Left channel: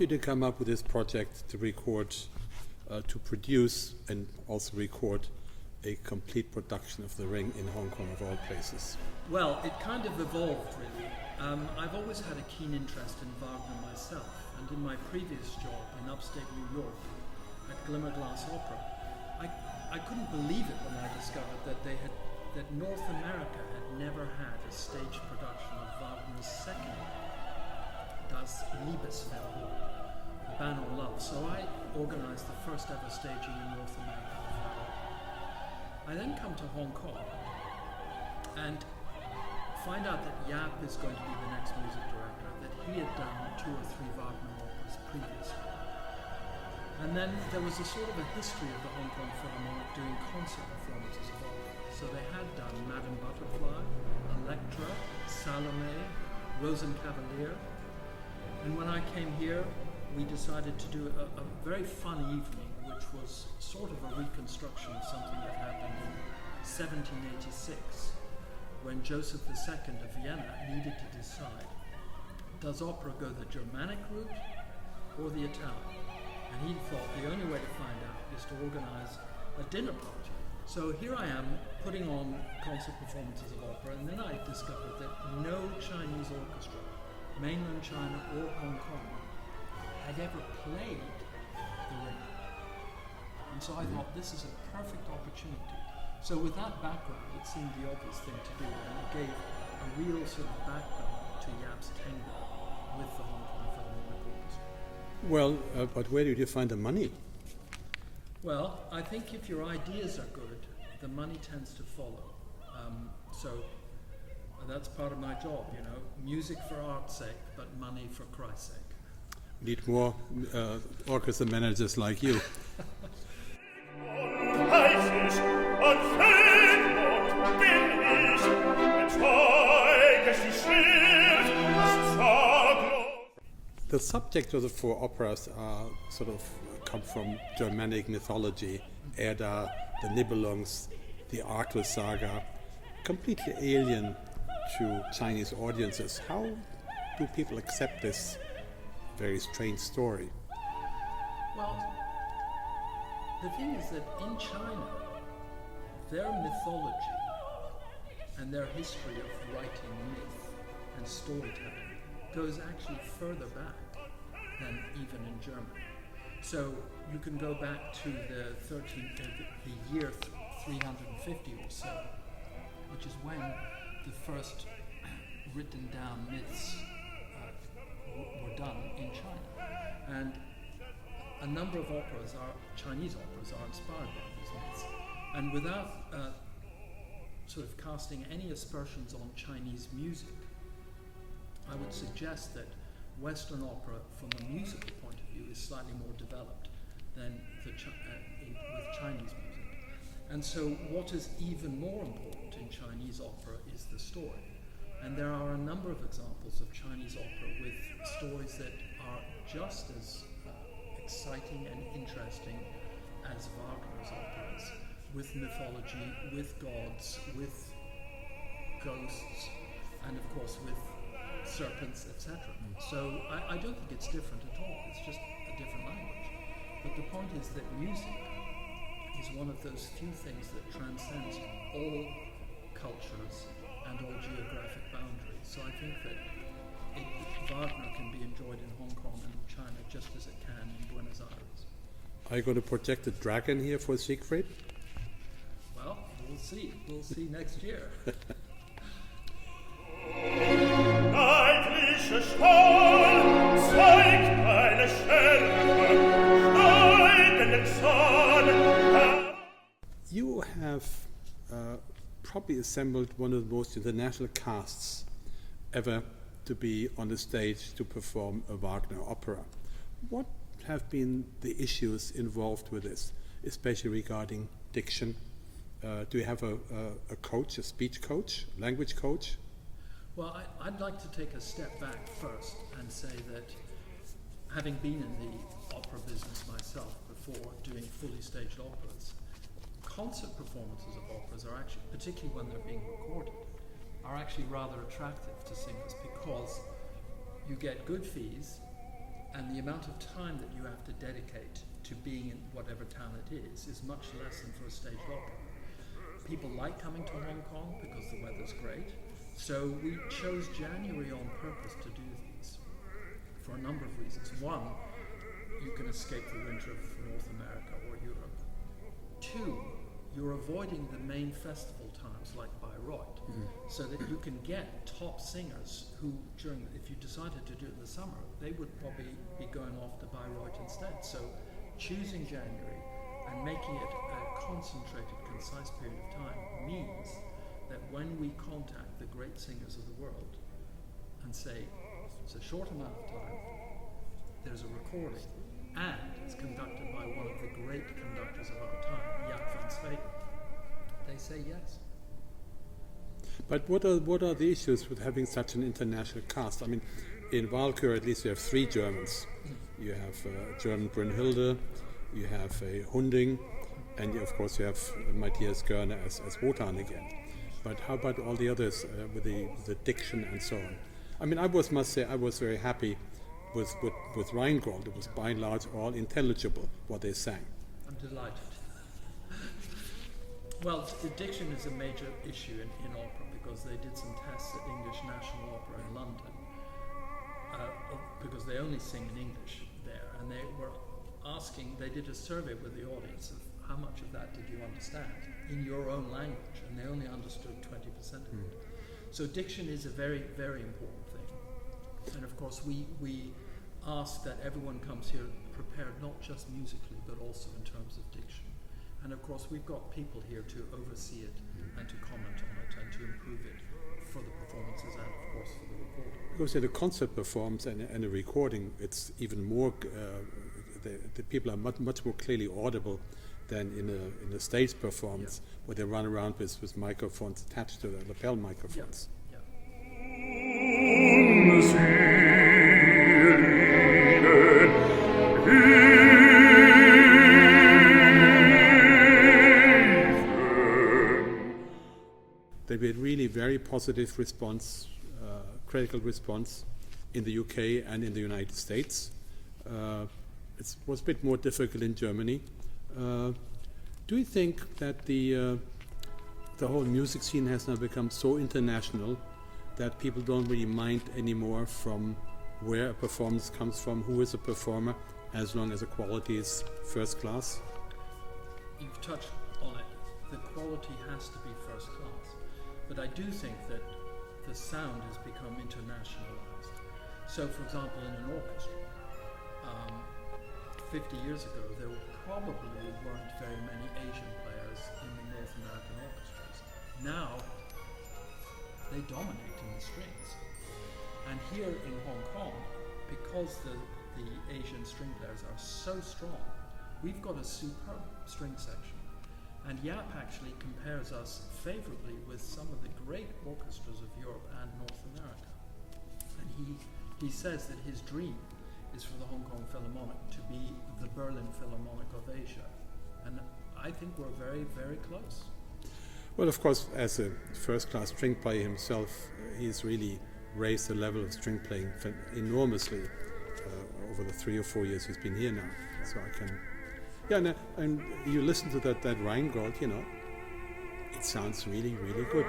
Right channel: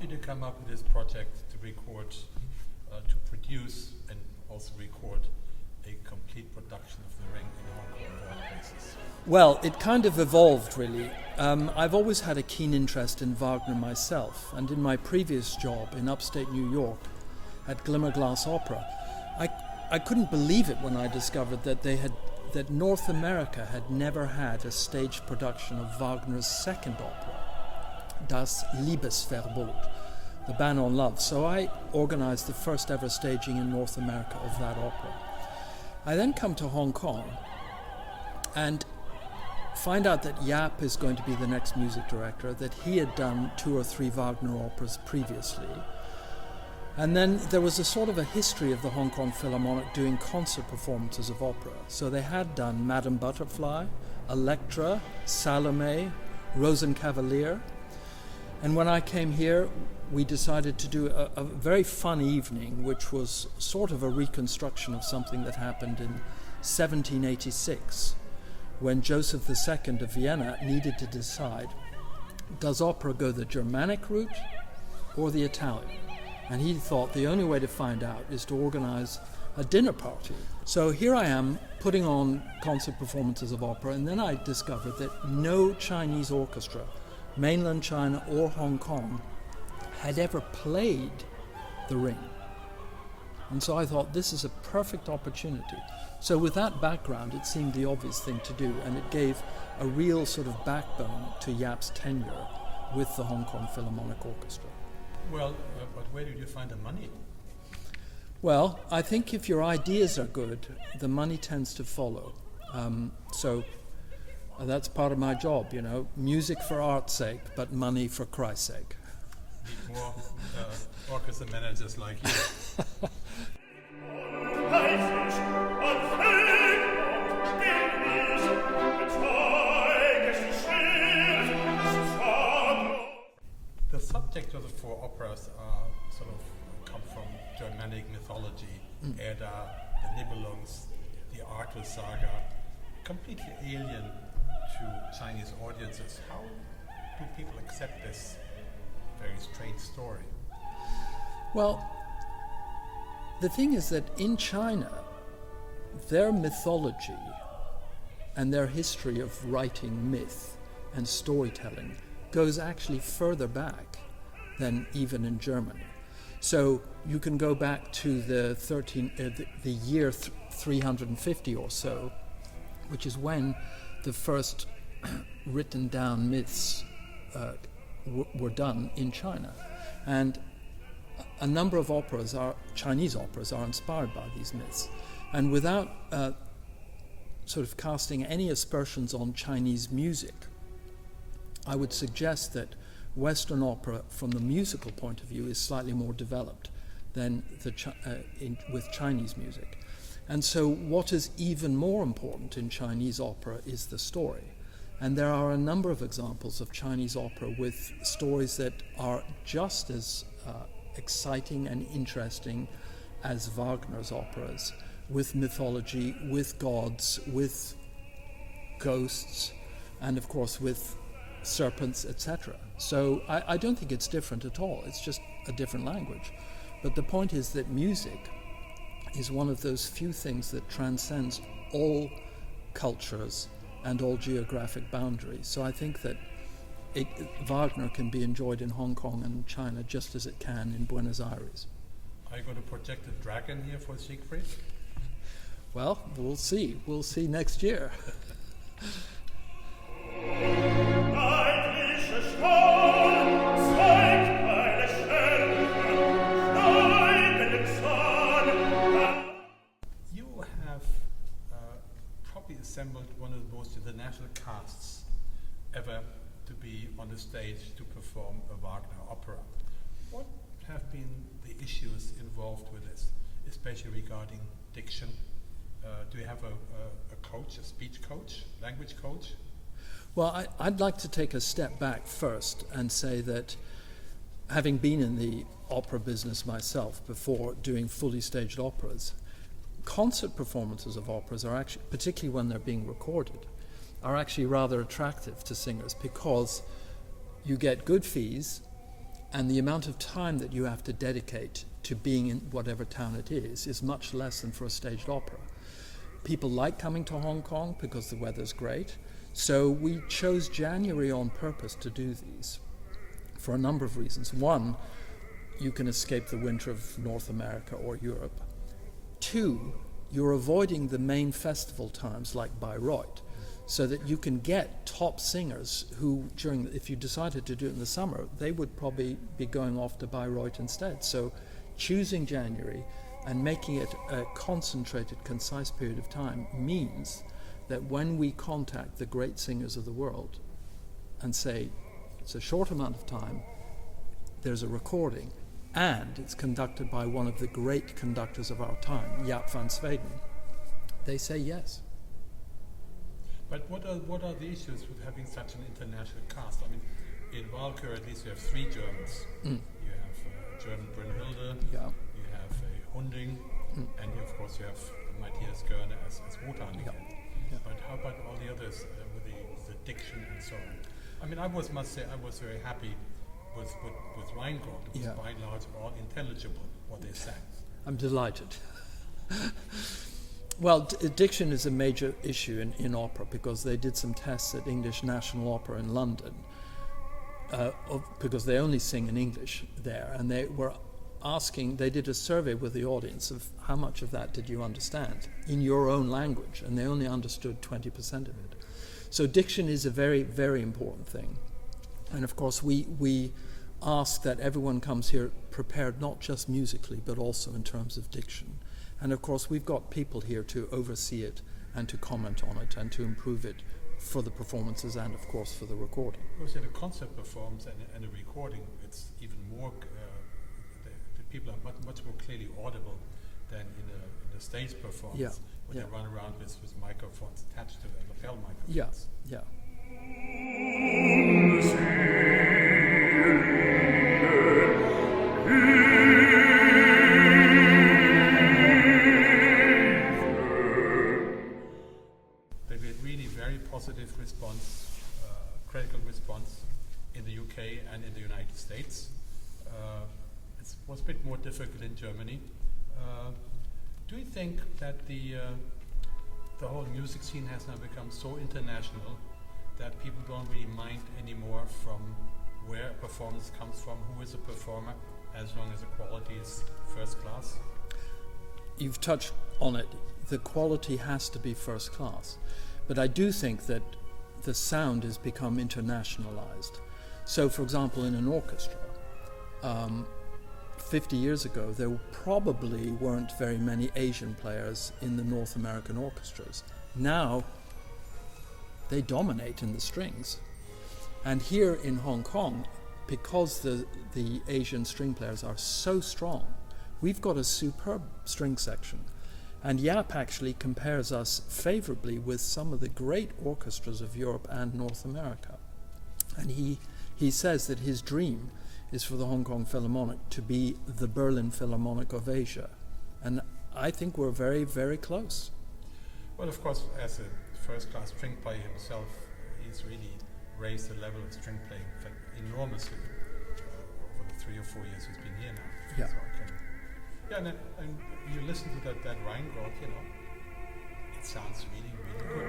did you come up with this project to record, to produce and also record a complete production of The Ring in Hong Kong of all places? Well, it kind of evolved, really. I've always had a keen interest in Wagner myself, and in my previous job in upstate New York at Glimmerglass Opera, I couldn't believe it when I discovered that North America had never had a stage production of Wagner's second opera, Das Liebesverbot, The Ban on Love. So I organized the first ever staging in North America of that opera. I then come to Hong Kong and find out that Yap is going to be the next music director, that he had done 2 or 3 Wagner operas previously. And then there was a sort of a history of the Hong Kong Philharmonic doing concert performances of opera. So they had done Madame Butterfly, Electra, Salome, Rosenkavalier. And when I came here, we decided to do a very fun evening, which was sort of a reconstruction of something that happened in 1786, when Joseph II of Vienna needed to decide, does opera go the Germanic route or the Italian? And he thought the only way to find out is to organize a dinner party. So here I am putting on concert performances of opera, and then I discovered that no Chinese orchestra, mainland China or Hong Kong, had ever played The Ring. And so I thought, this is a perfect opportunity. So with that background, it seemed the obvious thing to do, and it gave a real sort of backbone to Yap's tenure with the Hong Kong Philharmonic Orchestra. Well, but where did you find the money? Well, I think if your ideas are good, the money tends to follow. So that's part of my job, you know, music for art's sake, but money for Christ's sake. Need more orchestra managers like you. The subject of the 4 operas are sort of come from Germanic mythology, Edda, the Nibelungs, the Arthur saga, completely alien to Chinese audiences. How do people accept this very strange story? Well, the thing is that in China, their mythology and their history of writing myth and storytelling goes actually further back than even in Germany. So you can go back to the year 350 or so, which is when the first written down myths were done in China. And a number of Chinese operas are inspired by these myths. And without sort of casting any aspersions on Chinese music, I would suggest that Western opera, from the musical point of view, is slightly more developed than with Chinese music. And so what is even more important in Chinese opera is the story. And there are a number of examples of Chinese opera with stories that are just as exciting and interesting as Wagner's operas, with mythology, with gods, with ghosts, and of course with serpents, etc. So I don't think it's different at all. It's just a different language. But the point is that music is one of those few things that transcends all cultures and all geographic boundaries. So I think that Wagner can be enjoyed in Hong Kong and China just as it can in Buenos Aires. Are you going to project a dragon here for Siegfried? Well, we'll see. We'll see next year. You have probably assembled one of the most international casts ever to be on the stage to perform a Wagner opera. What have been the issues involved with this, especially regarding diction? Do you have a coach, a speech coach, language coach? Well, I'd like to take a step back first and say that having been in the opera business myself before doing fully staged operas, concert performances of operas are actually, particularly when they're being recorded, are actually rather attractive to singers because you get good fees and the amount of time that you have to dedicate to being in whatever town it is much less than for a staged opera. People like coming to Hong Kong because the weather's great, so we chose January on purpose to do these for a number of reasons. One, you can escape the winter of North America or Europe. Two, you're avoiding the main festival times like Bayreuth, so that you can get top singers who, if you decided to do it in the summer, they would probably be going off to Bayreuth instead. So choosing January and making it a concentrated, concise period of time means that when we contact the great singers of the world and say, it's a short amount of time, there's a recording, and it's conducted by one of the great conductors of our time, Jaap van Zweden, they say yes. But what are the issues with having such an international cast? I mean, in Walküre at least you have 3 Germans. You have a German Brünnhilde, you have a Hunding, and of course you have Matthias Görner as Wotan again. But how about all the others with the diction and so on? I mean, I must say I was very happy with Rheingold. It was by and large all intelligible what they sang. I'm delighted. Well, diction is a major issue in opera because they did some tests at English National Opera in London because they only sing in English there, and they were asking, they did a survey with the audience of how much of that did you understand in your own language, and they only understood 20% of it. So diction is a very, very important thing. And of course we ask that everyone comes here prepared not just musically but also in terms of diction. And of course we've got people here to oversee it and to comment on it and to improve it for the performances and of course for the recording. Of course, in a concert performance and a recording, it's even more, the people are much more clearly audible than in a stage performance where they run around with microphones attached to the lapel microphones. Yeah. They had really very positive response, critical response in the UK and in the United States. It was a bit more difficult in Germany. Do you think that the whole music scene has now become so international that people don't really mind anymore from where a performance comes from, who is a performer, as long as the quality is first class? You've touched on it. The quality has to be first class. But I do think that the sound has become internationalized. So, for example, in an orchestra, 50 years ago, there probably weren't very many Asian players in the North American orchestras. Now, they dominate in the strings. And here in Hong Kong, because the Asian string players are so strong, we've got a superb string section. And Jaap actually compares us favorably with some of the great orchestras of Europe and North America. And he says that his dream is for the Hong Kong Philharmonic to be the Berlin Philharmonic of Asia. And I think we're very, very close. Well, of course, as a first-class string player himself, he's really raised the level of string playing enormously over the 3 or 4 years he's been here now. Yeah. So I can... Yeah, and you listen to that Rheingold, it sounds really, really good.